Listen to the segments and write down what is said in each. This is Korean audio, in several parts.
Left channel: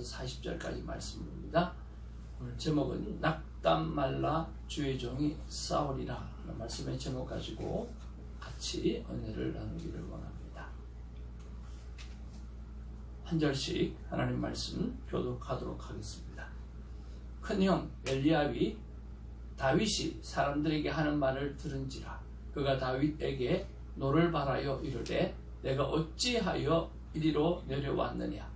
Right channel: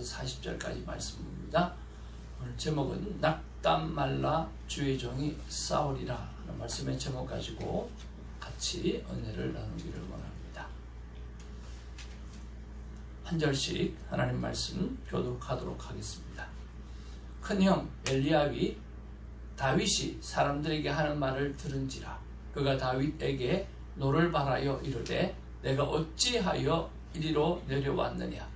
1절에서 40절까지 말씀입니다. 오늘 제목은 낙담 말라 주의 종이 싸우리라 하는 말씀의 제목 가지고 같이 은혜를 나누기를 원합니다. 한 절씩 하나님 말씀 교독하도록 하겠습니다. 큰형 엘리압이 다윗이 사람들에게 하는 말을 들은지라. 그가 다윗에게 노를 바라여 이르되 내가 어찌하여 이리로 내려왔느냐.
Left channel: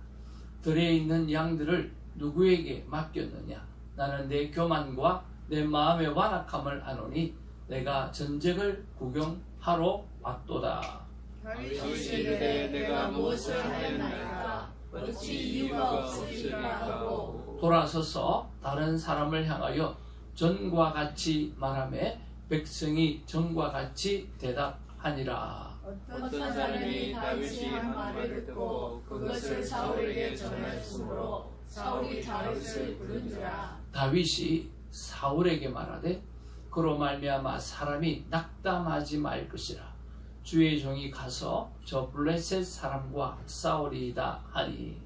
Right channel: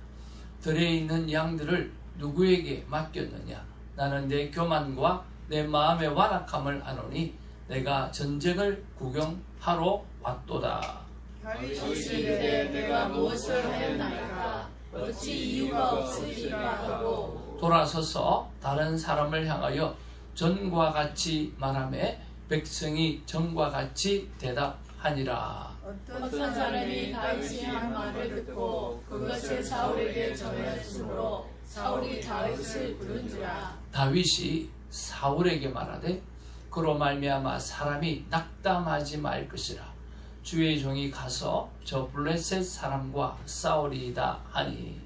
들에 있는 양들을 누구에게 맡겼느냐. 나는 내 교만과 내 마음의 완악함을 아노니 내가 전쟁을 구경하러 왔도다. 다윗이 이르되 내가 무엇을 하였나이까. 어찌 이유가 없으리라 하고 돌아서서 다른 사람을 향하여 전과 같이 말하매 백성이 전과 같이 대답하니라. 어떤 사람이 다윗이 한 말을 듣고 그것을 사울에게 전했으므로 사울이 다윗을 부른지라. 다윗이 사울에게 말하되 그로 말미암아 사람이 낙담하지 말 것이라. 주의 종이 가서 저 블레셋 사람과 싸우리이다 하니.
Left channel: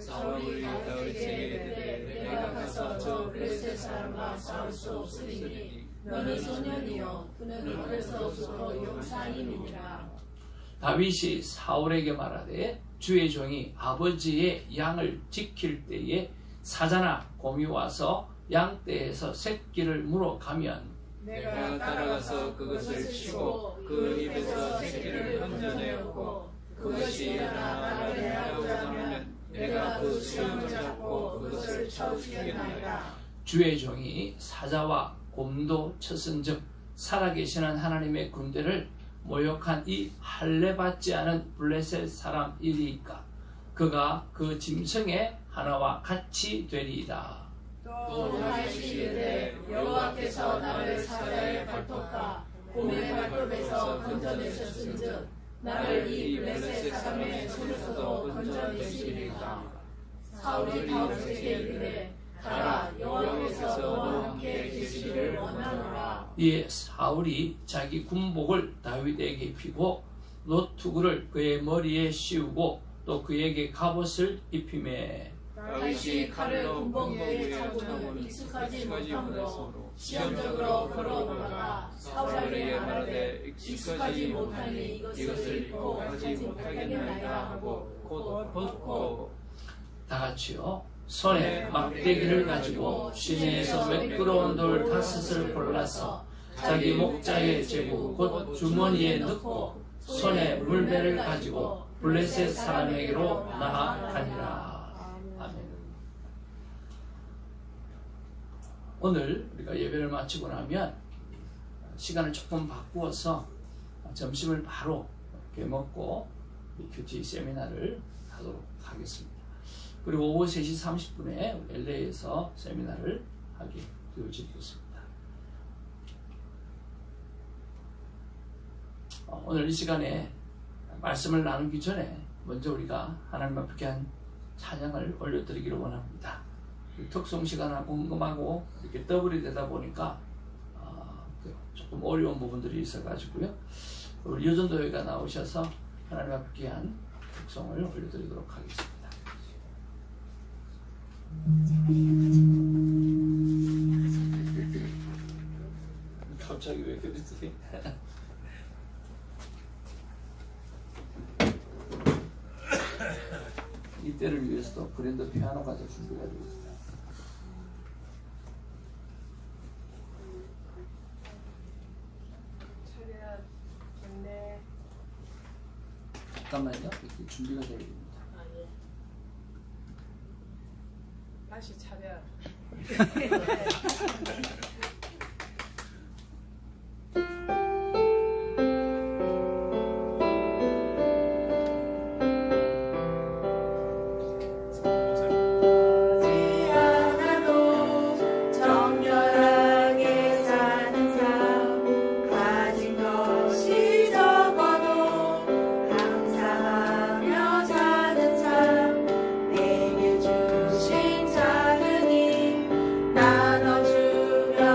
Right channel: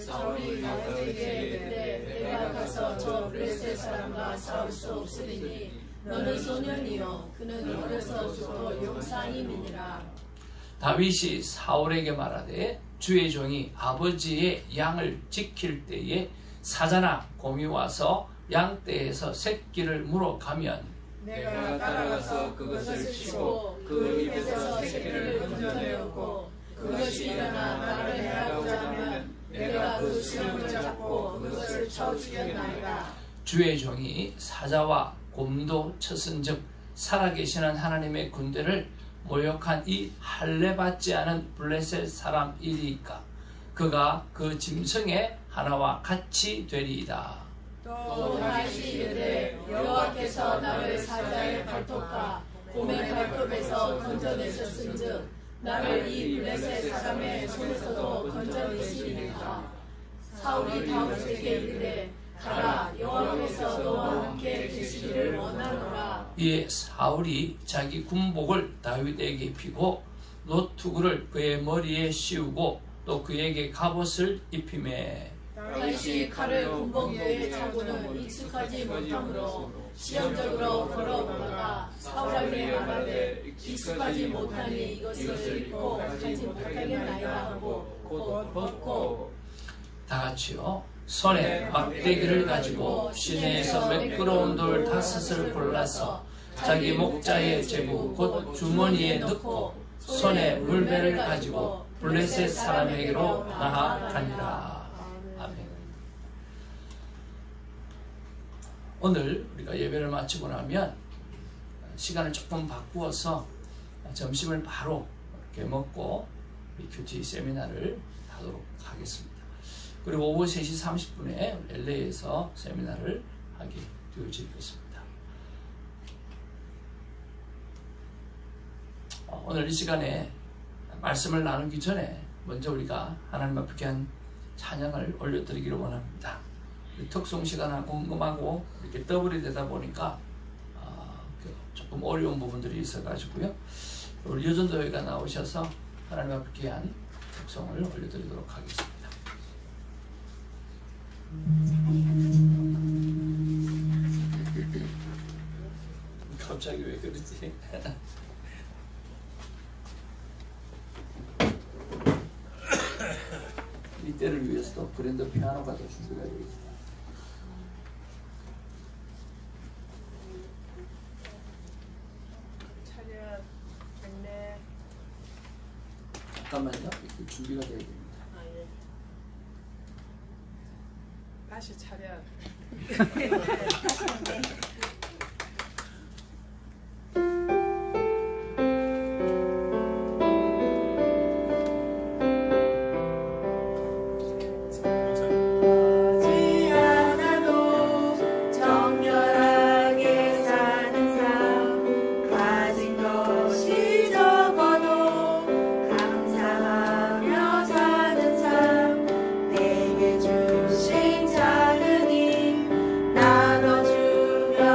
사울이 다윗에게 이르되 내가 가서 저 블레셋 사람과 싸울 수 없으리니 너는 소년이요 그는 어려서부터 용사임이니라. 다윗이 사울에게 말하되 주의 종이 아버지의 양을 지킬 때에 사자나 곰이 와서 양떼에서 새끼를 물어가면 내가 따라가서 그것을 치고 그 입에서 새끼를 건져내었고 그것이 일어나 나를 해하고자 하면 내가 그 수염을 잡고 그것을 쳐 죽였나이다. 주의 종이 사자와 곰도 쳤은즉 살아계시는 하나님의 군대를 모욕한 이 할례받지 않은 블레셋 사람이리이까. 그가 그 짐승의 하나와 같이 되리이다. 또 다윗이 이르되 여호와께서 나를 사자의 발톱과 곰의 발톱에서 건져내셨은즉 나를 이 블레셋 사람의 손에서도 건져내시리이다. 사울이 다윗에게 이르되 가라 여호와께서 너와 함께 계시기를 원하노라. 이에 사울이 자기 군복을 다윗에게 입히고 노투구를 그의 머리에 씌우고 또 그에게 갑옷을 입히매 다윗이 칼을 군복 위에 차고는 익숙하지 못하므로 시험적으로 걸어오다가 사울에게 말하되 익숙하지 못하니 이것을 입고 가지 못하겠나이다 하고 곧 벗고. 다 같이요. 손에 막대기를 가지고 시내에서 매끄러운 돌 5을 골라서 자기 목자에 재고 곧 주머니에 넣고 손에 물배를 가지고 블레셋 사람에게로 나아가니라. 아멘. 오늘 우리가 예배를 마치고 나면 시간을 조금 바꾸어서 점심을 바로 이렇게 먹고 큐티 세미나를 하도록 하겠습니다. 그리고 오후 3시 30분에 LA에서 세미나를 하게 되어지겠습니다. 오늘 이 시간에 말씀을 나누기 전에 먼저 우리가 하나님 앞에 귀한 찬양을 올려드리기를 원합니다. 특송 시간은 궁금하고 이렇게 더블이 되다 보니까 조금 어려운 부분들이 있어가지고요. 우리 유전도회가 나오셔서 하나님 앞에 귀한 특송을 올려드리도록 하겠습니다. 갑자기 왜 그러지? 이때를 위해서도 그랜드 피아노가 더 준비가 되어 있습니다. 차려졌네. 잠깐만요. 준비가 되어 있습니다. 예. 다시 차려. 나눠주며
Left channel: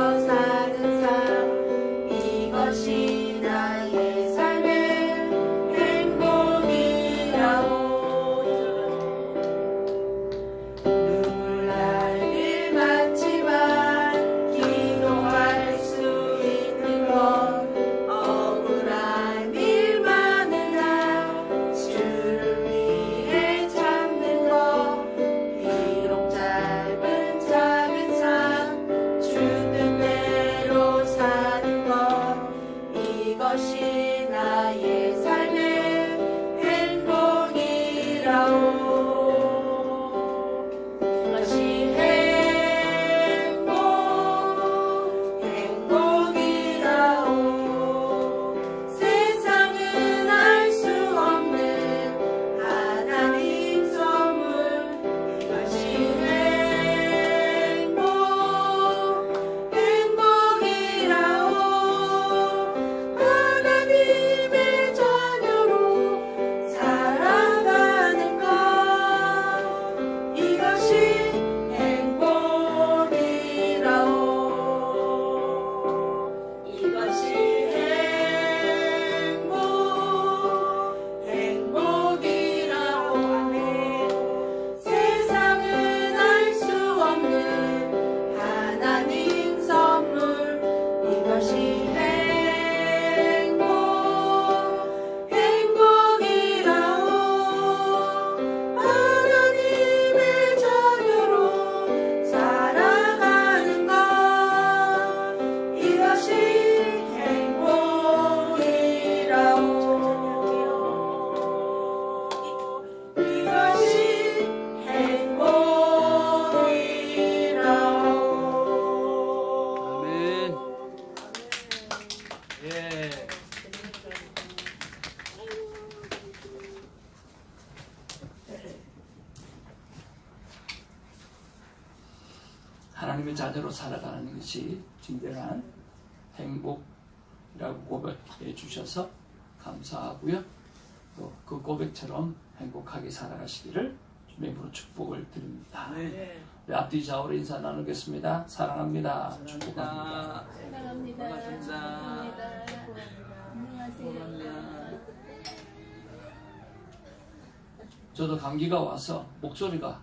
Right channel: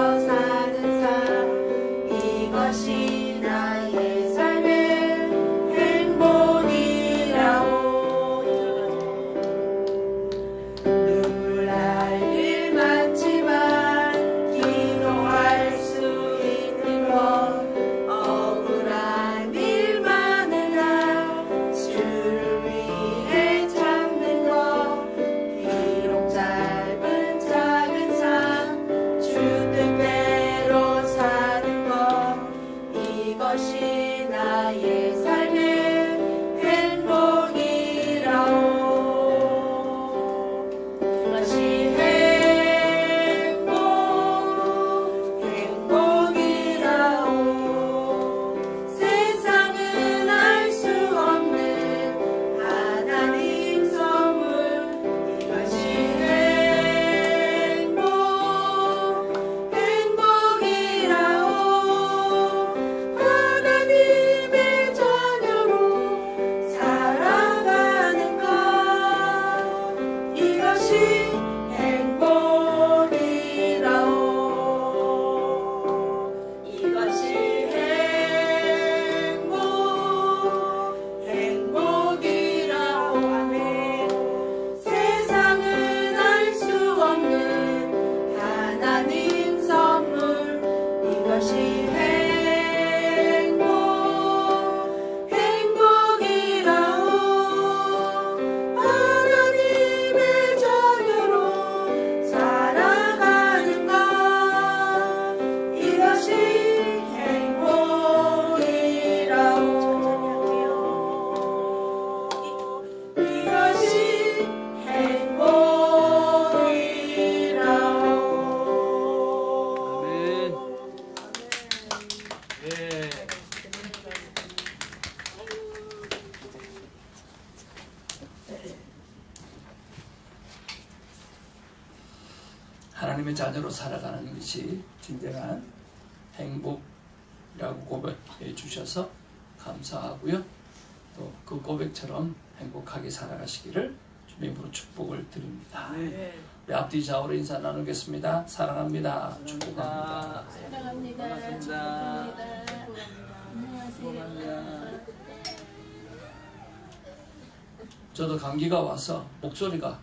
하나님의 자녀로 살아가는 것이 진정한 행복이라고 고백해 주셔서 감사하고요. 또 그 고백처럼 행복하게 살아가시기를 주님의 이름으로 축복을 드립니다. 네. 앞뒤 좌우로 인사 나누겠습니다. 사랑합니다. 축복합니다. 사랑합니다. 반갑습니다. 안녕하세요. 저도 감기가 와서 목소리가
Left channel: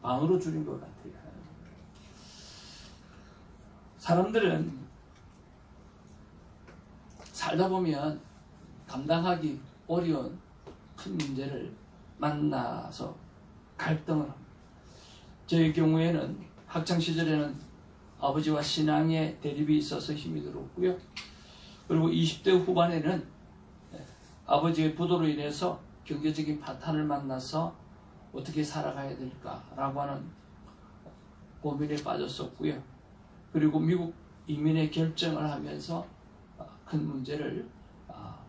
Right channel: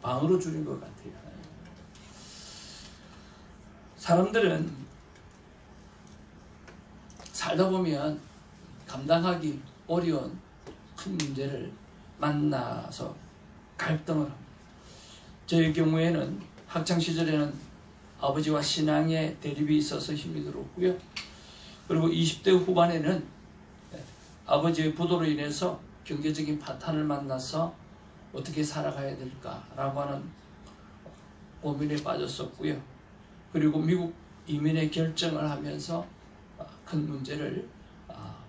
방으로 줄인 것 같아요. 사람들은 살다 보면 감당하기 어려운 큰 문제를 만나서 갈등을 합니다. 저의 경우에는 학창시절에는 아버지와 신앙의 대립이 있어서 힘이 들었고요. 그리고 20대 후반에는 아버지의 부도로 인해서 경제적인 파탄을 만나서 어떻게 살아가야 될까라고 하는 고민에 빠졌었고요. 그리고 미국 이민의 결정을 하면서 큰 문제를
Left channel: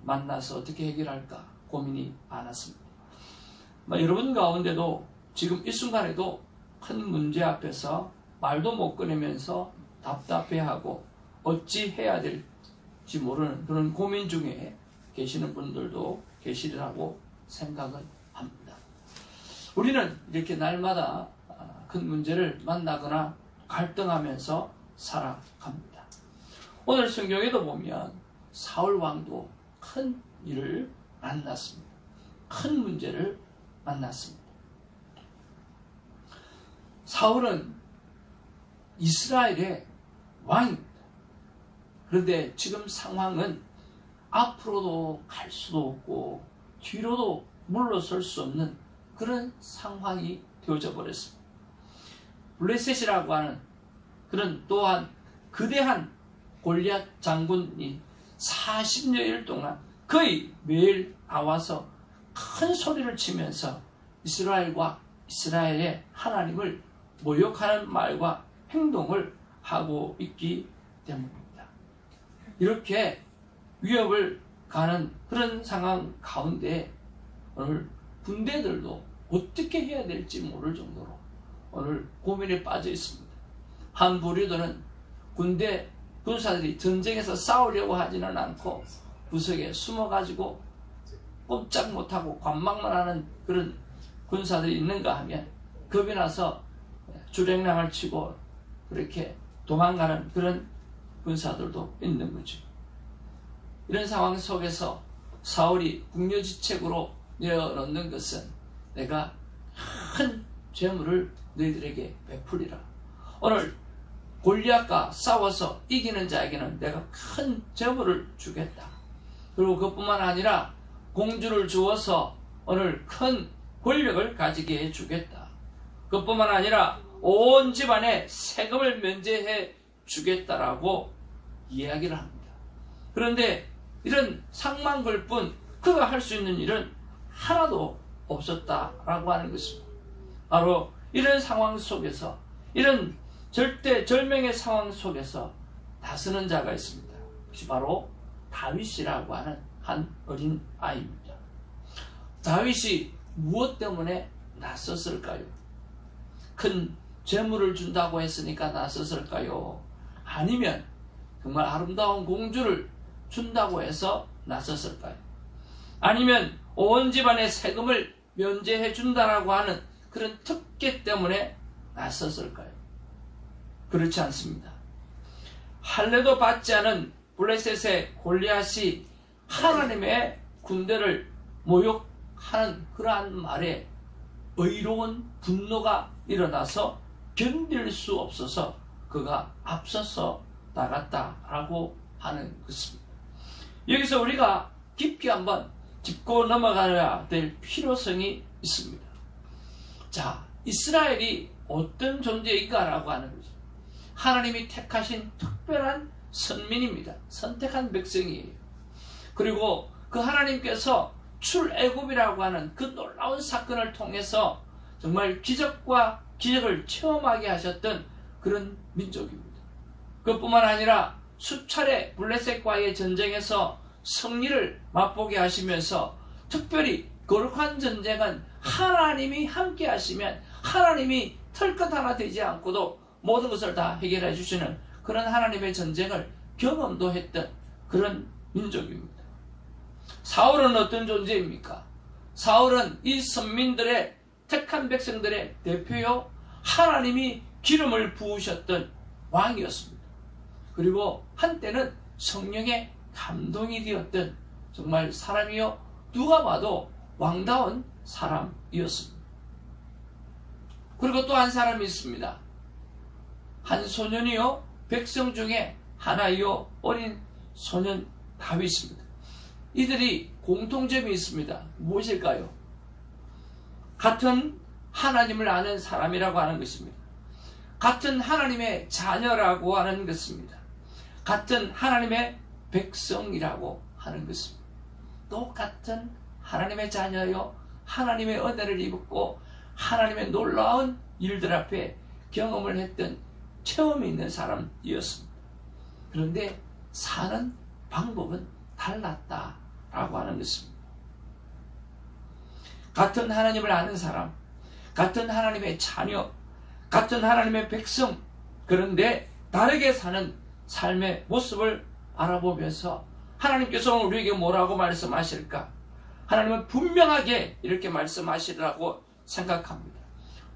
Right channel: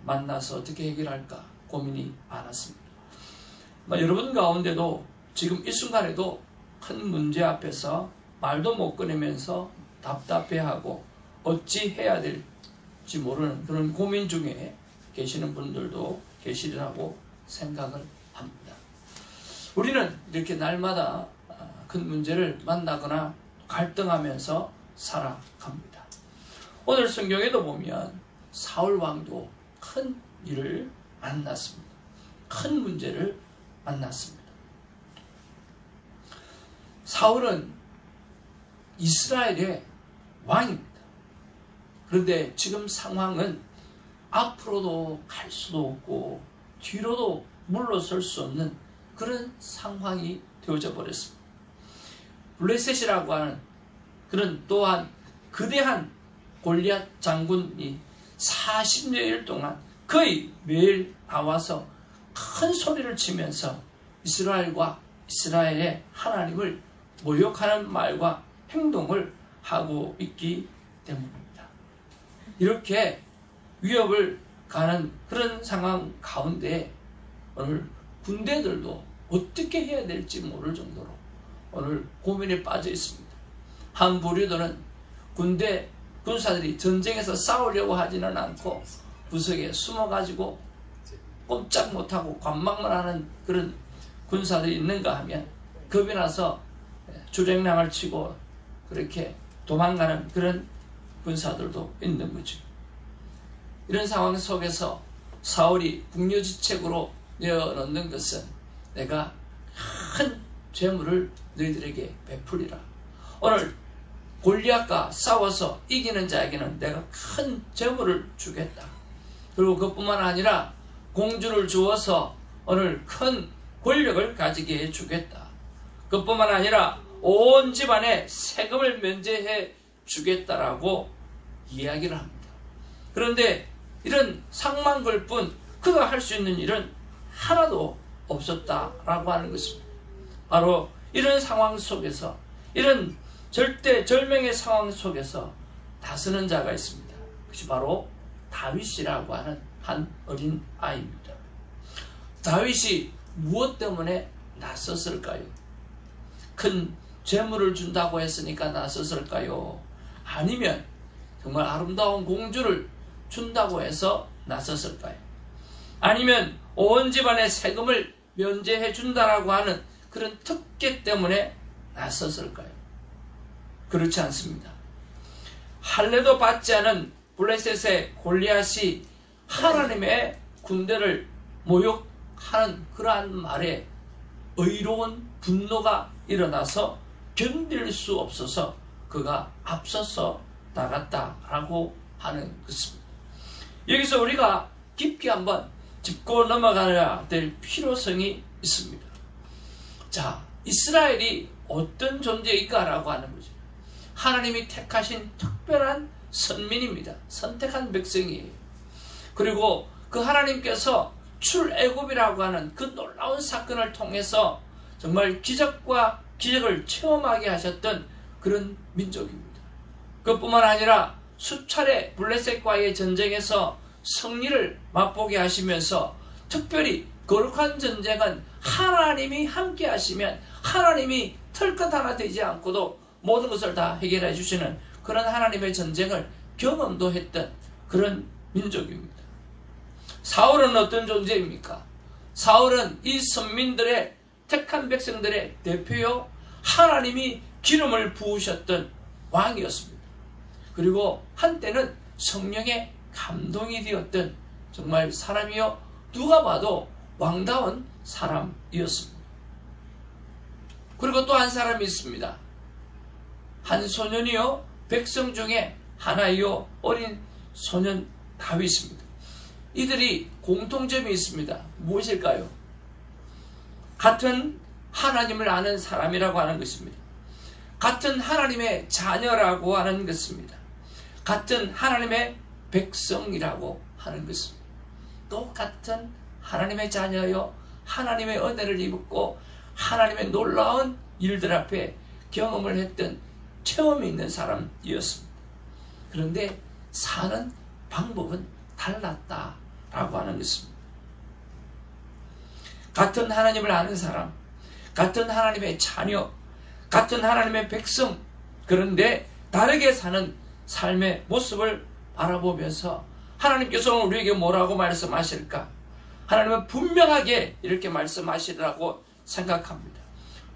만나서 어떻게 해결할까 고민이 많았습니다. 여러분 가운데도 지금 이 순간에도 큰 문제 앞에서 말도 못 꺼내면서 답답해하고 어찌 해야 될지 모르는 그런 고민 중에 계시는 분들도 계시리라고 생각을 합니다. 우리는 이렇게 날마다 큰 문제를 만나거나 갈등하면서 살아갑니다. 오늘 성경에도 보면 사울 왕도 큰 일을 만났습니다. 큰 문제를 만났습니다. 사울은 이스라엘의 왕입니다. 그런데 지금 상황은 앞으로도 갈 수도 없고 뒤로도 물러설 수 없는 그런 상황이 되어져 버렸습니다. 블레셋이라고 하는 그런 또한 거대한 골리앗 장군이 40여일 동안 거의 매일 나와서 큰 소리를 치면서 이스라엘과 이스라엘의 하나님을 모욕하는 말과 행동을 하고 있기 때문입니다. 이렇게 위협을 가는 그런 상황 가운데 오늘 군대들도 어떻게 해야 될지 모를 정도로 오늘 고민에 빠져 있습니다. 한 부류들은 군사들이 전쟁에서 싸우려고 하지는 않고 구석에 숨어가지고 꼼짝 못하고 관망만 하는 그런 군사들이 있는가 하면 겁이 나서 주랭랑을 치고 그렇게 도망가는 그런 군사들도 있는 거죠. 이런 상황 속에서 사울이 궁여지책으로 내어놓는 것은 내가 큰 재물을 너희들에게 베풀리라. 오늘 골리앗과 싸워서 이기는 자에게는 내가 큰 재물을 주겠다. 그리고 그뿐만 아니라 공주를 주어서 오늘 큰 권력을 가지게 해주겠다. 그뿐만 아니라 온 집안에 세금을 면제해 주겠다라고 이야기를 합니다. 그런데 이런 상만 걸 뿐 그가 할 수 있는 일은 하나도 없었다라고 하는 것입니다. 바로 이런 상황 속에서, 이런 절대절명의 상황 속에서 다스는 자가 있습니다. 그것이 바로 다윗이라고 하는 한 어린 아이입니다. 다윗이 무엇 때문에 나섰을까요? 큰 재물을 준다고 했으니까 나섰을까요? 아니면 정말 아름다운 공주를 준다고 해서 나섰을까요? 아니면 온 집안의 세금을 면제해 준다라고 하는 그런 특권 때문에 나섰을까요? 그렇지 않습니다. 할례도 받지 않은 블레셋의 골리앗이 하나님의 군대를 모욕하는 그러한 말에 의로운 분노가 일어나서 견딜 수 없어서 그가 앞서서 나갔다라고 하는 것입니다. 여기서 우리가 깊이 한번 짚고 넘어가야 될 필요성이 있습니다. 자, 이스라엘이 어떤 존재인가라고 하는 거죠. 하나님이 택하신 특별한 선민입니다. 선택한 백성이에요. 그리고 그 하나님께서 출애굽이라고 하는 그 놀라운 사건을 통해서 정말 기적과 기적을 체험하게 하셨던 그런 민족입니다. 그뿐만 아니라 수차례 블레셋과의 전쟁에서 승리를 맛보게 하시면서 특별히 거룩한 전쟁은 하나님이 함께 하시면 하나님이 털끝 하나 되지 않고도 모든 것을 다 해결해 주시는 그런 하나님의 전쟁을 경험도 했던 그런 민족입니다. 사울은 어떤 존재입니까? 사울은 이 선민들의 택한 백성들의 대표요, 하나님이 기름을 부으셨던 왕이었습니다. 그리고 한때는 성령의 감동이 되었던 정말 사람이요, 누가 봐도 왕다운 사람이었습니다. 그리고 또 한 사람이 있습니다. 한 소년이요, 백성 중에 하나이요, 어린 소년 다윗입니다. 이들이 공통점이 있습니다. 무엇일까요? 같은 하나님을 아는 사람이라고 하는 것입니다. 같은 하나님의 자녀라고 하는 것입니다. 같은 하나님의 백성이라고 하는 것입니다. 똑같은 하나님의 자녀요, 하나님의 은혜를 입었고 하나님의 놀라운 일들 앞에 경험을 했던 체험이 있는 사람이었습니다. 그런데 사는 방법은 달랐다라고 하는 것입니다. 같은 하나님을 아는 사람, 같은 하나님의 자녀, 같은 하나님의 백성, 그런데 다르게 사는 삶의 모습을 바라보면서 하나님께서 우리에게 뭐라고 말씀하실까? 하나님은 분명하게 이렇게 말씀하시리라고 생각합니다.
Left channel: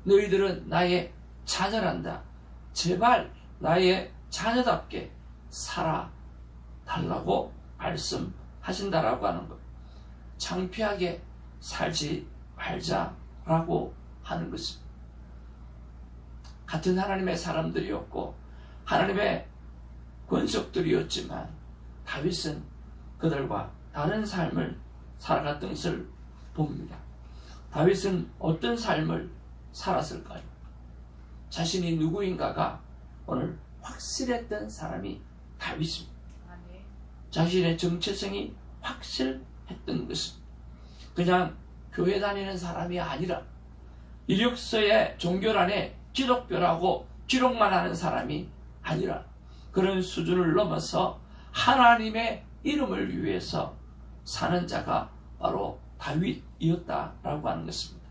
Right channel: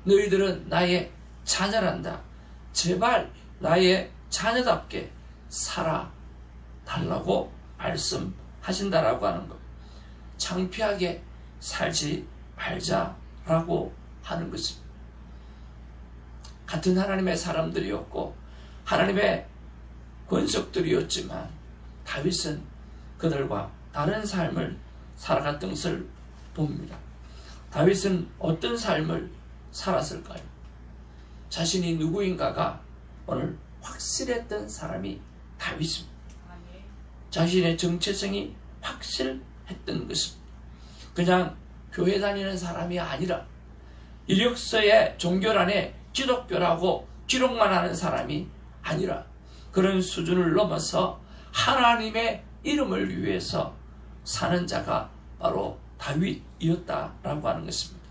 너희들은 나의 자녀란다. 제발 나의 자녀답게 살아달라고 말씀하신다라고 하는 것. 창피하게 살지 말자라고 하는 것입니다. 같은 하나님의 사람들이었고 하나님의 권속들이었지만 다윗은 그들과 다른 삶을 살아갔던 것을 봅니다. 다윗은 어떤 삶을 살았을까요? 자신이 누구인가가 오늘 확실했던 사람이 다윗입니다. 자신의 정체성이 확실했던 것입니다. 그냥 교회 다니는 사람이 아니라 이력서의 종교란에 기독교라고 기록만 하는 사람이 아니라 그런 수준을 넘어서 하나님의 이름을 위해서 사는 자가 바로 다윗이었다라고 하는 것입니다.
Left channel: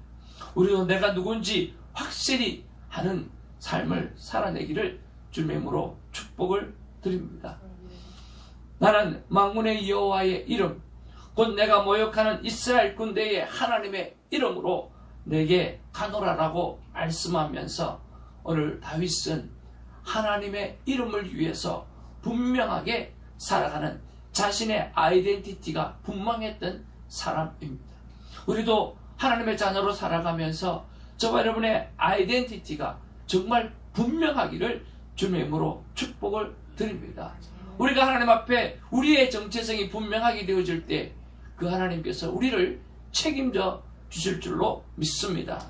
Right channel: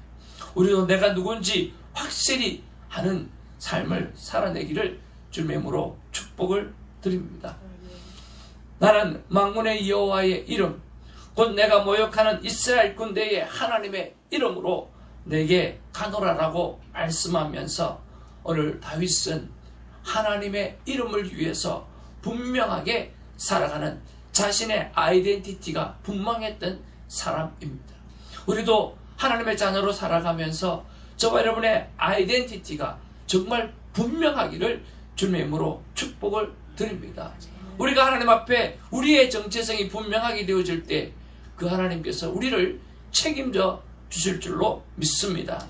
우리도 내가 누군지 확실히 하는 삶을 살아내기를 주님으로 축복을 드립니다. 나는 만군의 여호와의 이름, 곧 내가 모욕하는 이스라엘 군대의 하나님의 이름으로 내게 가노라라고 말씀하면서 오늘 다윗은 하나님의 이름을 위해서 분명하게 살아가는 자신의 아이덴티티가 분명했던 사람입니다. 우리도 하나님의 자녀로 살아가면서 저와 여러분의 아이덴티티가 정말 분명하기를 주님의 이름으로 축복을 드립니다. 우리가 하나님 앞에 우리의 정체성이 분명하게 되어질 때 그 하나님께서 우리를 책임져 주실 줄로 믿습니다.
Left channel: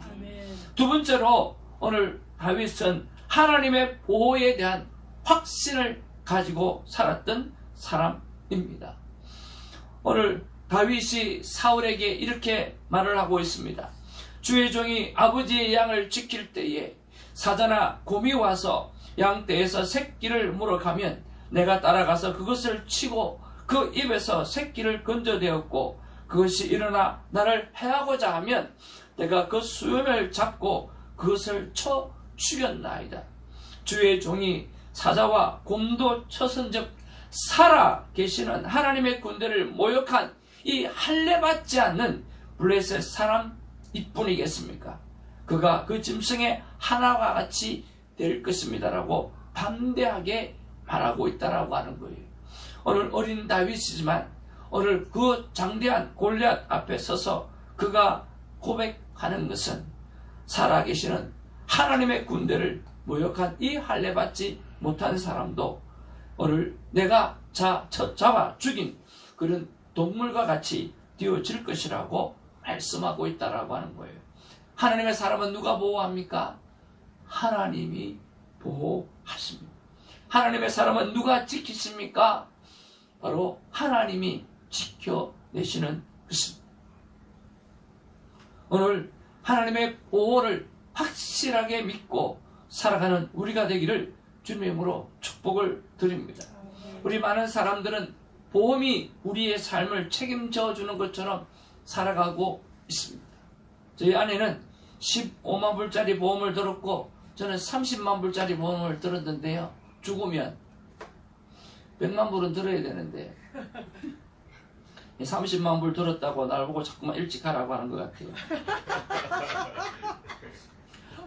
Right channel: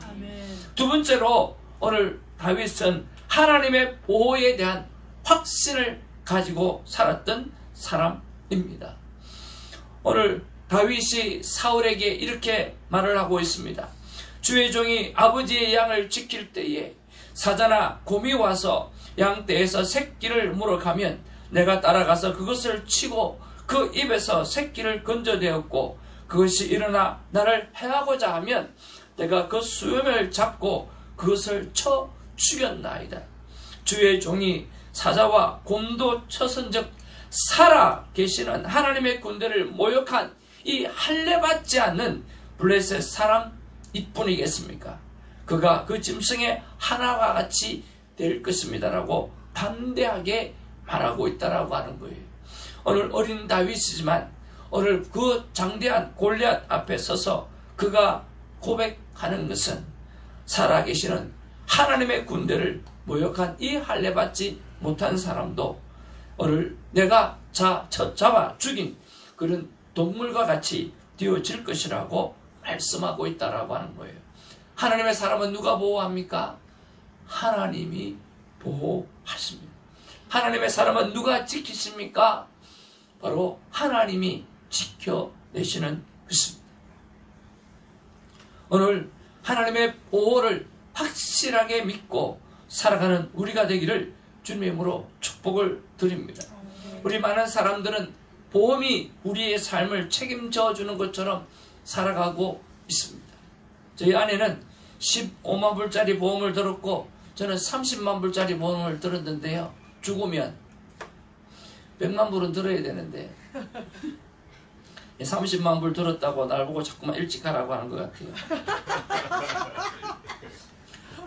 두 번째로 오늘 다윗은 하나님의 보호에 대한 확신을 가지고 살았던 사람입니다. 오늘 다윗이 사울에게 이렇게 말을 하고 있습니다. 주의 종이 아버지의 양을 지킬 때에 사자나 곰이 와서 양떼에서 새끼를 물어가면 내가 따라가서 그것을 치고 그 입에서 새끼를 건져내었고 그것이 일어나 나를 해하고자 하면 내가 그 수염을 잡고 그것을 쳐 죽였나이다. 주의 종이 사자와 곰도 쳐선즉 살아 계시는 하나님의 군대를 모욕한 이 할례받지 않는 블레셋 사람 이뿐이겠습니까? 그가 그 짐승의 하나와 같이 될 것입니다라고 담대하게 말하고 있다라고 하는 거예요. 오늘 어린 다윗이지만 오늘 그 장대한 골리앗 앞에 서서 그가 고백하는 것은 살아계시는 하나님의 군대를 모욕한 이 할례받지 못한 사람도 오늘 내가 잡아 죽인 그런 동물과 같이 되어질 것이라고 말씀하고 있다라고 하는 거예요. 하나님의 사람은 누가 보호합니까? 하나님이 보호하십니다. 하나님의 사람은 누가 지키십니까? 바로 하나님이 지켜내시는 것입니다. 오늘 하나님의 보호를 확실하게 믿고 살아가는 우리가 되기를 주님의 이름으로 축복을 드립니다. 우리 많은 사람들은 보험이 우리의 삶을 책임져 주는 것처럼 살아가고 있습니다. 저희 아내는 15만 불짜리 보험을 들었고 저는 30만 불짜리 보험을 들었는데요. 죽으면 100만 불은 들어야 되는데 30만 불 들었다고 날 보고 자꾸만 일찍 하라고 하는 것 같아요.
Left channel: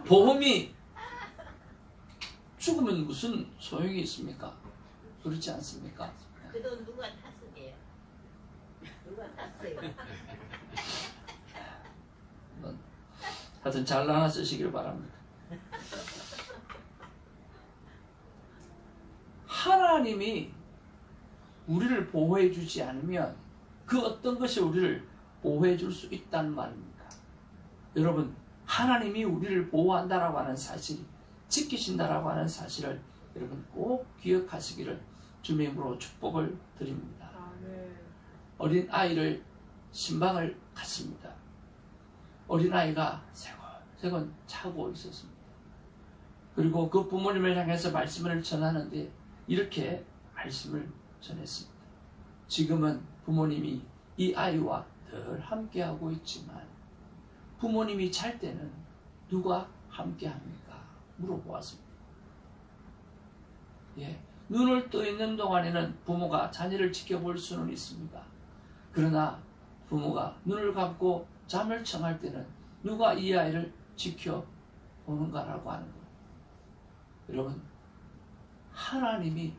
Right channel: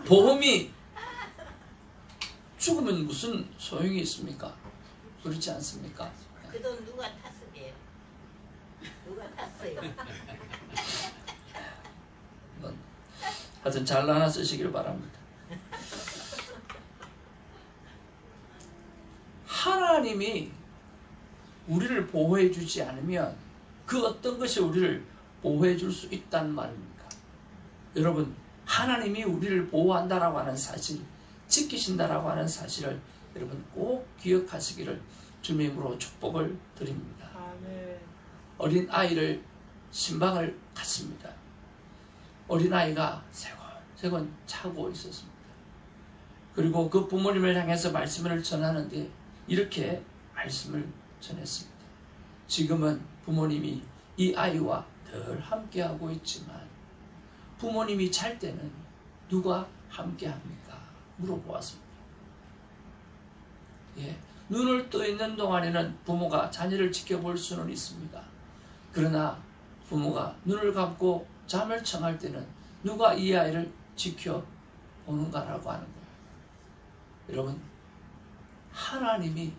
보험이 죽으면 무슨 소용이 있습니까? 그렇지 않습니까? 그 돈 누가 탔으게요? 누가 탔어요? 하여튼 잘라나 쓰시길 바랍니다. 하나님이 우리를 보호해 주지 않으면 그 어떤 것이 우리를 보호해 줄 수 있다는 말입니까? 여러분, 하나님이 우리를 보호한다라고 하는 사실, 지키신다라고 하는 사실을 여러분 꼭 기억하시기를 주님의 이름으로 축복을 드립니다. 아멘. 어린 아이를 신방을 갔습니다. 어린 아이가 세곤세곤 자고 있었습니다. 그리고 그 부모님을 향해서 말씀을 전하는데 이렇게 말씀을 전했습니다. 지금은 부모님이 이 아이와 늘 함께하고 있지만 부모님이 잘 때는 누가 함께합니까? 물어보았습니다. 눈을 떠 있는 동안에는 부모가 자녀를 지켜볼 수는 있습니다. 그러나 부모가 눈을 감고 잠을 청할 때는 누가 이 아이를 지켜보는가라고 하는 거예요. 여러분, 하나님이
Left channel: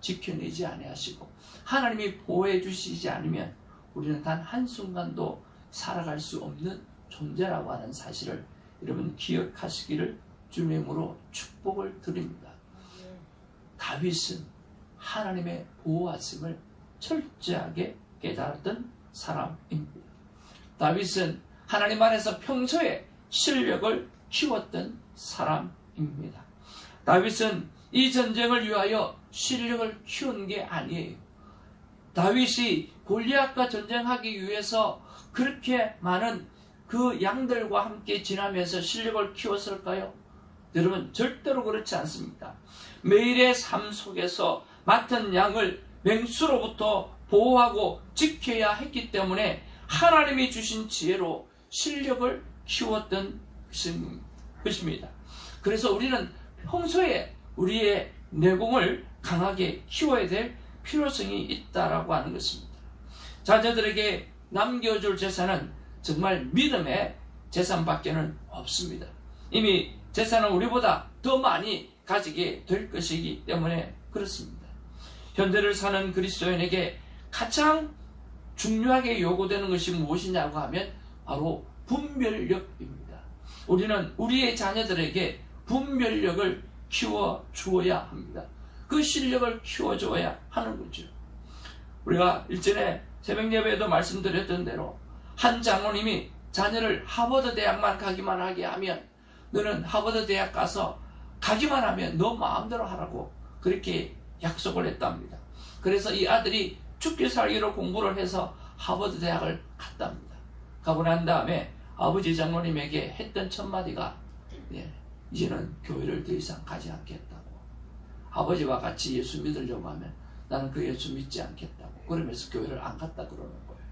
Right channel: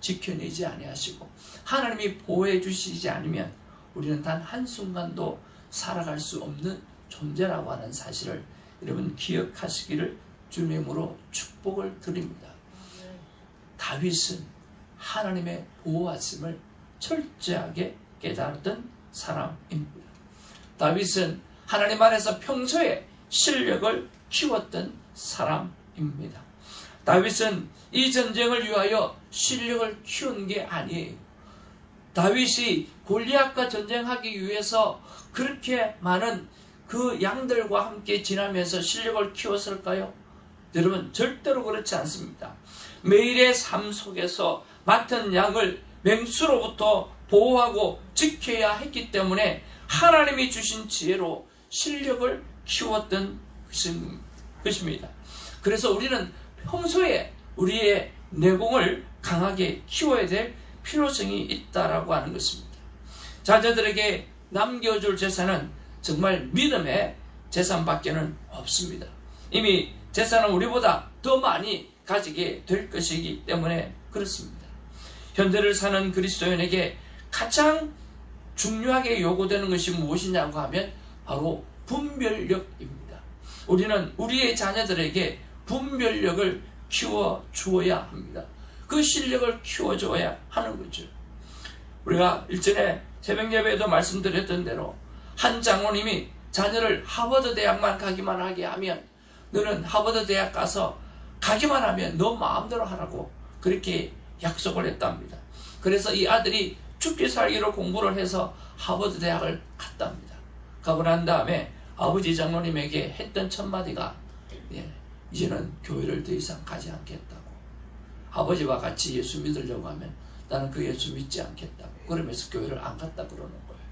지켜내지 아니하시고 하나님이 보호해 주시지 않으면 우리는 단 한순간도 살아갈 수 없는 존재라고 하는 사실을 여러분 기억하시기를 주님의 이름으로 축복을 드립니다. 다윗은 하나님의 보호하심을 철저하게 깨달았던 사람입니다. 다윗은 하나님 안에서 평소에 실력을 키웠던 사람입니다. 다윗은 이 전쟁을 위하여 실력을 키운 게 아니에요. 다윗이 골리앗과 전쟁하기 위해서 그렇게 많은 그 양들과 함께 지나면서 실력을 키웠을까요? 여러분, 절대로 그렇지 않습니다. 매일의 삶 속에서 맡은 양을 맹수로부터 보호하고 지켜야 했기 때문에 하나님이 주신 지혜로 실력을 키웠던 것입니다. 그래서 우리는 평소에 우리의 내공을 강하게 키워야 될 필요성이 있다라고 하는 것입니다. 자녀들에게 남겨줄 재산은 정말 믿음의 재산밖에는 없습니다. 이미 재산은 우리보다 더 많이 가지게 될 것이기 때문에 그렇습니다. 현대를 사는 그리스도인에게 가장 중요하게 요구되는 것이 무엇이냐고 하면 바로 분별력입니다. 우리는 우리의 자녀들에게 분별력을 키워주어야 합니다. 그 실력을 키워줘야 하는 거죠. 우리가 일전에 새벽 예배에도 말씀드렸던 대로 한 장로님이 자녀를 하버드 대학만 가기만 하게 하면 너는 하버드 대학 가서 가기만 하면 너 마음대로 하라고 그렇게 약속을 했답니다. 그래서 이 아들이 죽기 살기로 공부를 해서 하버드 대학을 갔답니다. 가고 난 다음에 아버지 장로님에게 했던 첫마디가 이제는 교회를 더 이상 가지 않겠다고. 아버지와 같이 예수 믿으려고 하면 나는 그 예수 믿지 않겠다고. 그러면서 교회를 안 갔다 그러는 거예요.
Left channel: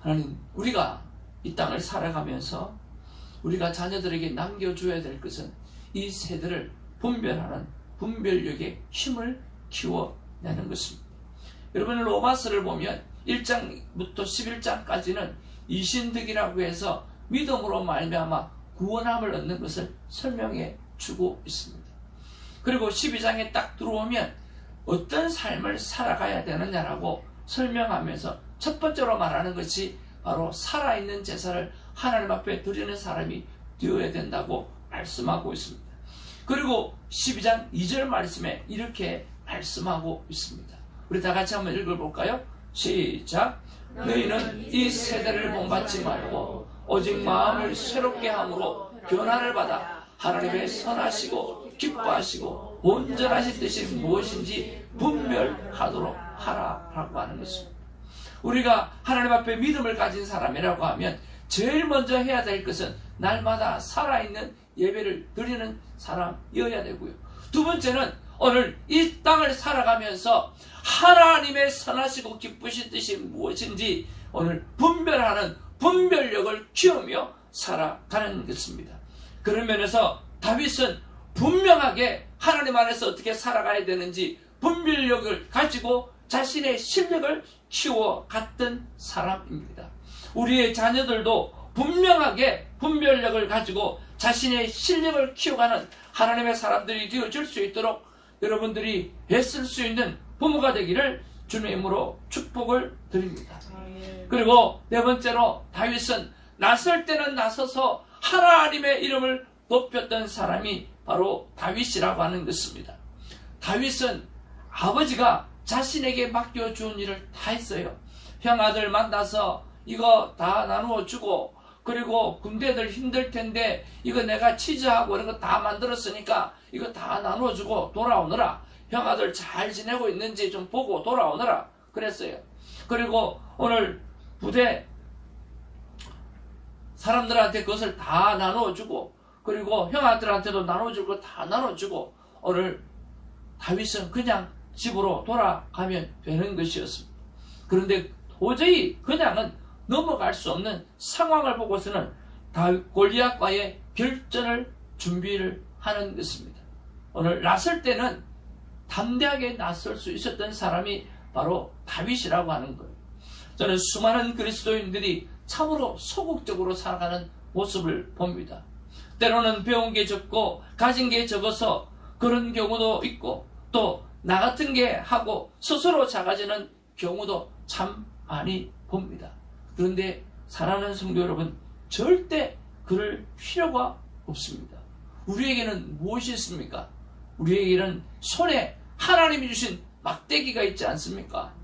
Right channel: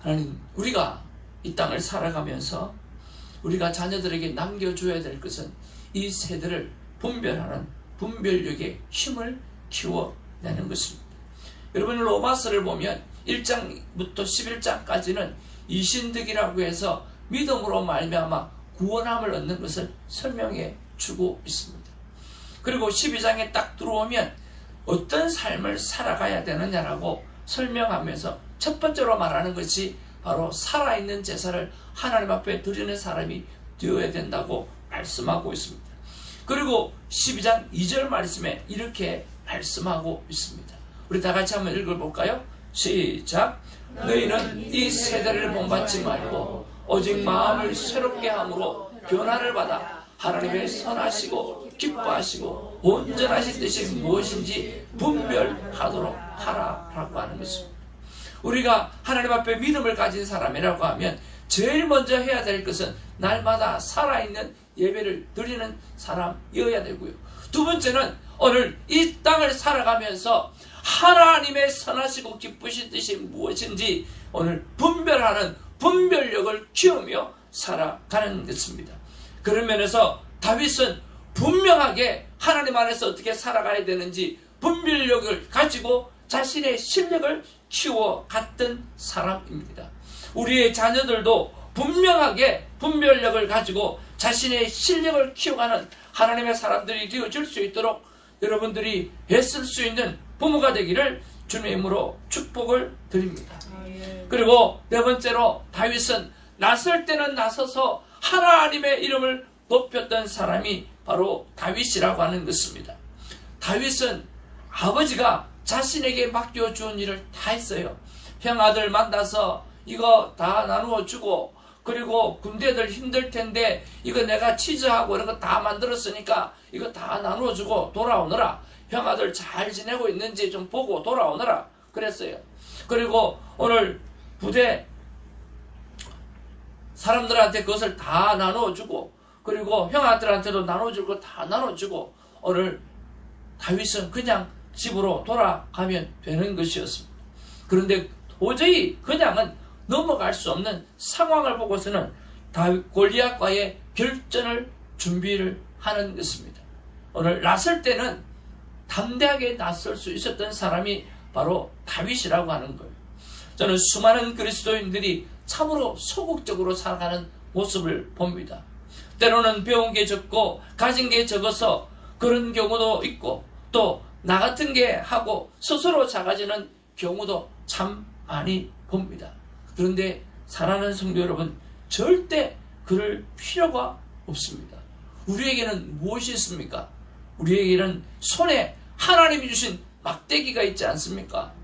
하나님, 우리가 이 땅을 살아가면서 우리가 자녀들에게 남겨줘야 될 것은 이 세대를 분별하는 분별력의 힘을 키워내는 것입니다. 여러분, 로마서를 보면 1장부터 11장까지는 이신득이라고 해서 믿음으로 말미암아 구원함을 얻는 것을 설명해 주고 있습니다. 그리고 12장에 딱 들어오면 어떤 삶을 살아가야 되느냐라고 설명하면서 첫 번째로 말하는 것이 바로 살아있는 제사를 하나님 앞에 드리는 사람이 되어야 된다고 말씀하고 있습니다. 그리고 12장 2절 말씀에 이렇게 말씀하고 있습니다. 우리 다 같이 한번 읽어볼까요? 시작. 너희는 이 세대를 본받지 말고 오직 마음을 새롭게 함으로 변화를 받아 하나님의 선하시고 기뻐하시고 온전하신 뜻이 무엇인지 분별하도록 하라라고 하는 것입니다. 우리가 하나님 앞에 믿음을 가진 사람이라고 하면 제일 먼저 해야 될 것은 날마다 살아있는 예배를 드리는 사람이어야 되고요. 두 번째는 오늘 이 땅을 살아가면서 하나님의 선하시고 기쁘신 뜻이 무엇인지 오늘 분별하는 분별력을 키우며 살아가는 것입니다. 그런 면에서 다윗은 분명하게 하나님 안에서 어떻게 살아가야 되는지 분별력을 가지고 자신의 실력을 키워갔던 사람입니다. 우리의 자녀들도 분명하게 분별력을 가지고 자신의 실력을 키워가는 하나님의 사람들이 되어줄 수 있도록 여러분들이 애쓸 수 있는 부모가 되기를 주님의 이름으로 축복을 드립니다. 그리고 네 번째로 다윗은 나설 때는 나서서 하나님의 이름을 높였던 사람이 바로 다윗이라고 하는 것입니다. 다윗은 아버지가 자신에게 맡겨준 일을 다 했어요. 형아들 만나서 이거 다 나누어 주고, 그리고 군대들 힘들 텐데 이거 내가 치즈하고 이런 거 다 만들었으니까 이거 다 나누어 주고 돌아오느라, 형아들 잘 지내고 있는지 좀 보고 돌아오느라 그랬어요. 그리고 오늘 부대 사람들한테 그것을 다 나눠주고, 그리고 형아들한테도 나눠주고 다 나눠주고, 오늘 다윗은 그냥 집으로 돌아가면 되는 것이었습니다. 그런데 도저히 그냥은 넘어갈 수 없는 상황을 보고서는 골리앗과의 결전을 준비를 하는 것입니다. 오늘 나설 때는 담대하게 나설 수 있었던 사람이 바로 다윗이라고 하는 거예요. 저는 수많은 그리스도인들이 참으로 소극적으로 살아가는 모습을 봅니다. 때로는 배운 게 적고 가진 게 적어서 그런 경우도 있고, 또 나 같은 게 하고 스스로 작아지는 경우도 참 많이 봅니다. 그런데 사랑하는 성도 여러분, 절대 그럴 필요가 없습니다. 우리에게는 무엇이 있습니까? 우리에게는 손에 하나님이 주신 막대기가 있지 않습니까?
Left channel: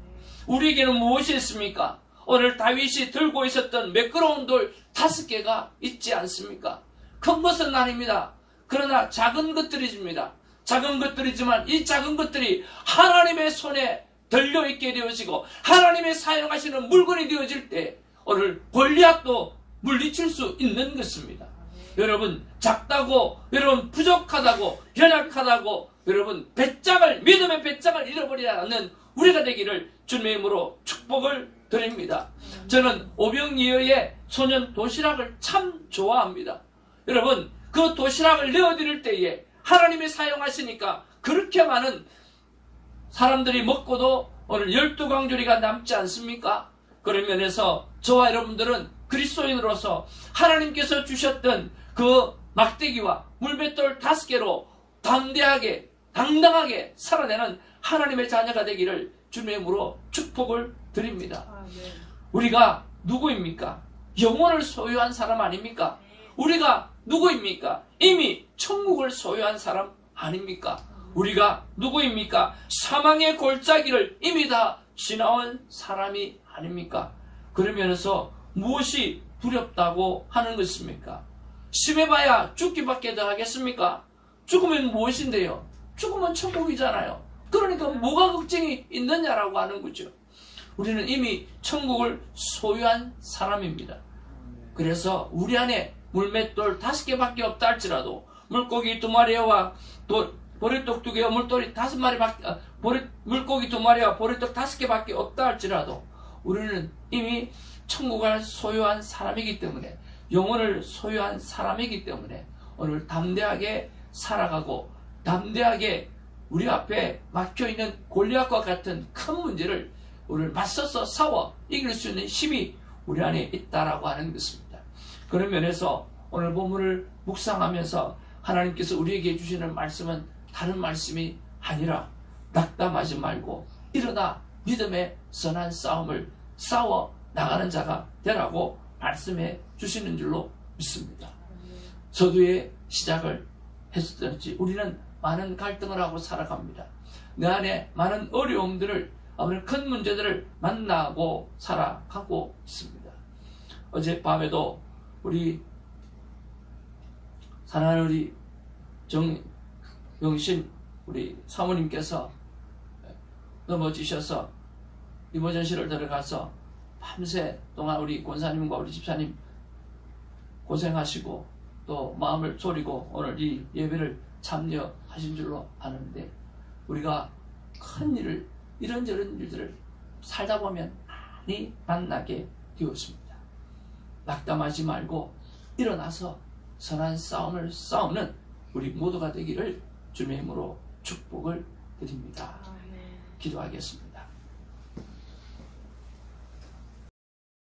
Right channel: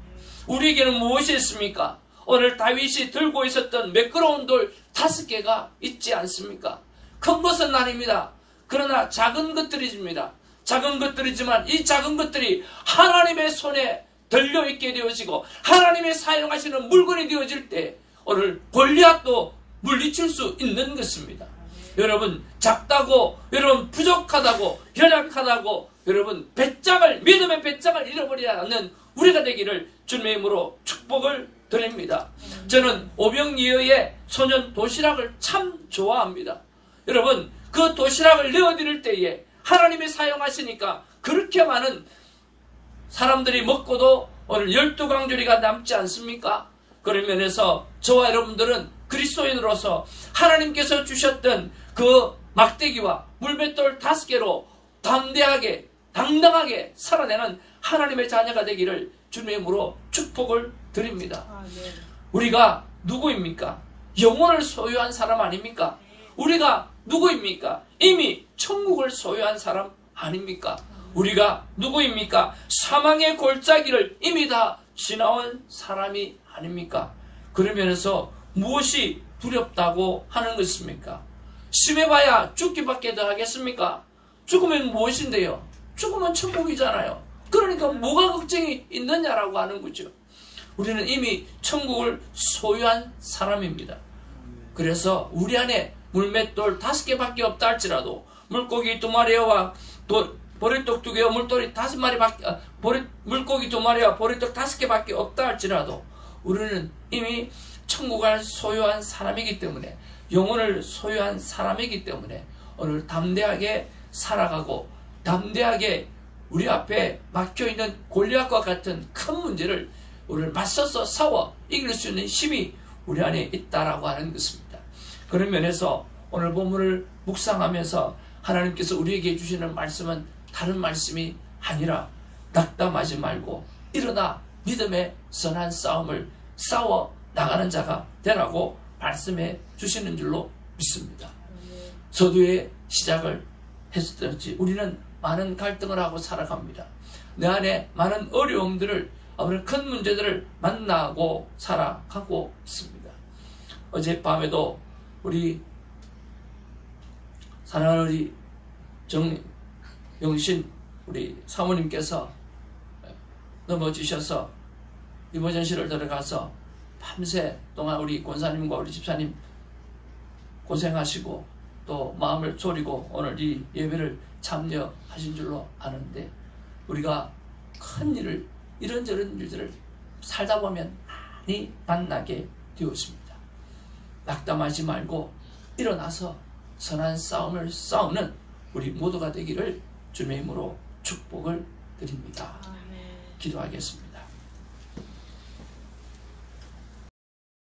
우리에게는 무엇이 있습니까? 오늘 다윗이 들고 있었던 매끄러운 돌 5개가 있지 않습니까? 큰 것은 아닙니다. 그러나 작은 것들이집니다. 작은 것들이지만 이 작은 것들이 하나님의 손에 들려있게 되어지고 하나님의 사용하시는 물건이 되어질 때 오늘 골리앗도 물리칠 수 있는 것입니다. 여러분, 작다고, 여러분 부족하다고, 연약하다고, 여러분 믿음의 배짱을 잃어버리지 않는 우리가 되기를 주님의 이름으로 축복을 드립니다. 저는 오병이어의 소년 도시락을 참 좋아합니다. 여러분, 그 도시락을 내어드릴 때에 하나님이 사용하시니까 그렇게 많은 사람들이 먹고도 오늘 12강조리가 남지 않습니까? 그런 면에서 저와 여러분들은 그리스도인으로서 하나님께서 주셨던 그 막대기와 물맷돌 5개로 담대하게 당당하게 살아내는 하나님의 자녀가 되기를 주님의 이름으로 축복을 드립니다. 우리가 누구입니까? 영혼을 소유한 사람 아닙니까? 우리가 누구입니까? 이미 천국을 소유한 사람 아닙니까? 우리가 누구입니까? 사망의 골짜기를 이미 다 지나온 사람이 아닙니까? 그러면서 무엇이 두렵다고 하는 것입니까? 심해봐야 죽기밖에 더 하겠습니까? 죽으면 무엇인데요? 죽으면 천국이잖아요. 그러니까 뭐가 걱정이 있느냐라고 하는 거죠. 우리는 이미 천국을 소유한 사람입니다. 그래서 우리 안에 물맷돌 5개밖에 없다 할지라도 물고기 2마리와 보리떡 2개와 물돌이 5마리밖에 물고기 2마리와 보리떡 5개밖에 없다 할지라도 우리는 이미 천국을 소유한 사람이기 때문에, 영혼을 소유한 사람이기 때문에 오늘 담대하게 살아가고 담대하게 우리 앞에 막혀있는 골리앗과 같은 큰 문제를 우리를 맞서서 싸워 이길 수 있는 힘이 우리 안에 있다라고 하는 것입니다. 그런 면에서 오늘 본문을 묵상하면서 하나님께서 우리에게 주시는 말씀은 다른 말씀이 아니라 낙담하지 말고 일어나 믿음의 선한 싸움을 싸워 나가는 자가 되라고 말씀해 주시는 줄로 믿습니다. 저도의 시작을 했었지 우리는 많은 갈등을 하고 살아갑니다. 내 안에 많은 어려움들을, 큰 문제들을 만나고 살아가고 있습니다. 어젯밤에도 우리 사랑하는 우리 정영신 우리 사모님께서 넘어지셔서 이머전시를 들어가서 밤새 동안 우리 권사님과 우리 집사님 고생하시고 또 마음을 졸이고 오늘 이 예배를 참여하신 줄로 아는데, 우리가 큰 일을, 이런저런 일들을 살다 보면 많이 만나게 되었습니다. 낙담하지 말고 일어나서 선한 싸움을 싸우는 우리 모두가 되기를 주님의 이름으로 축복을 드립니다. 기도하겠습니다.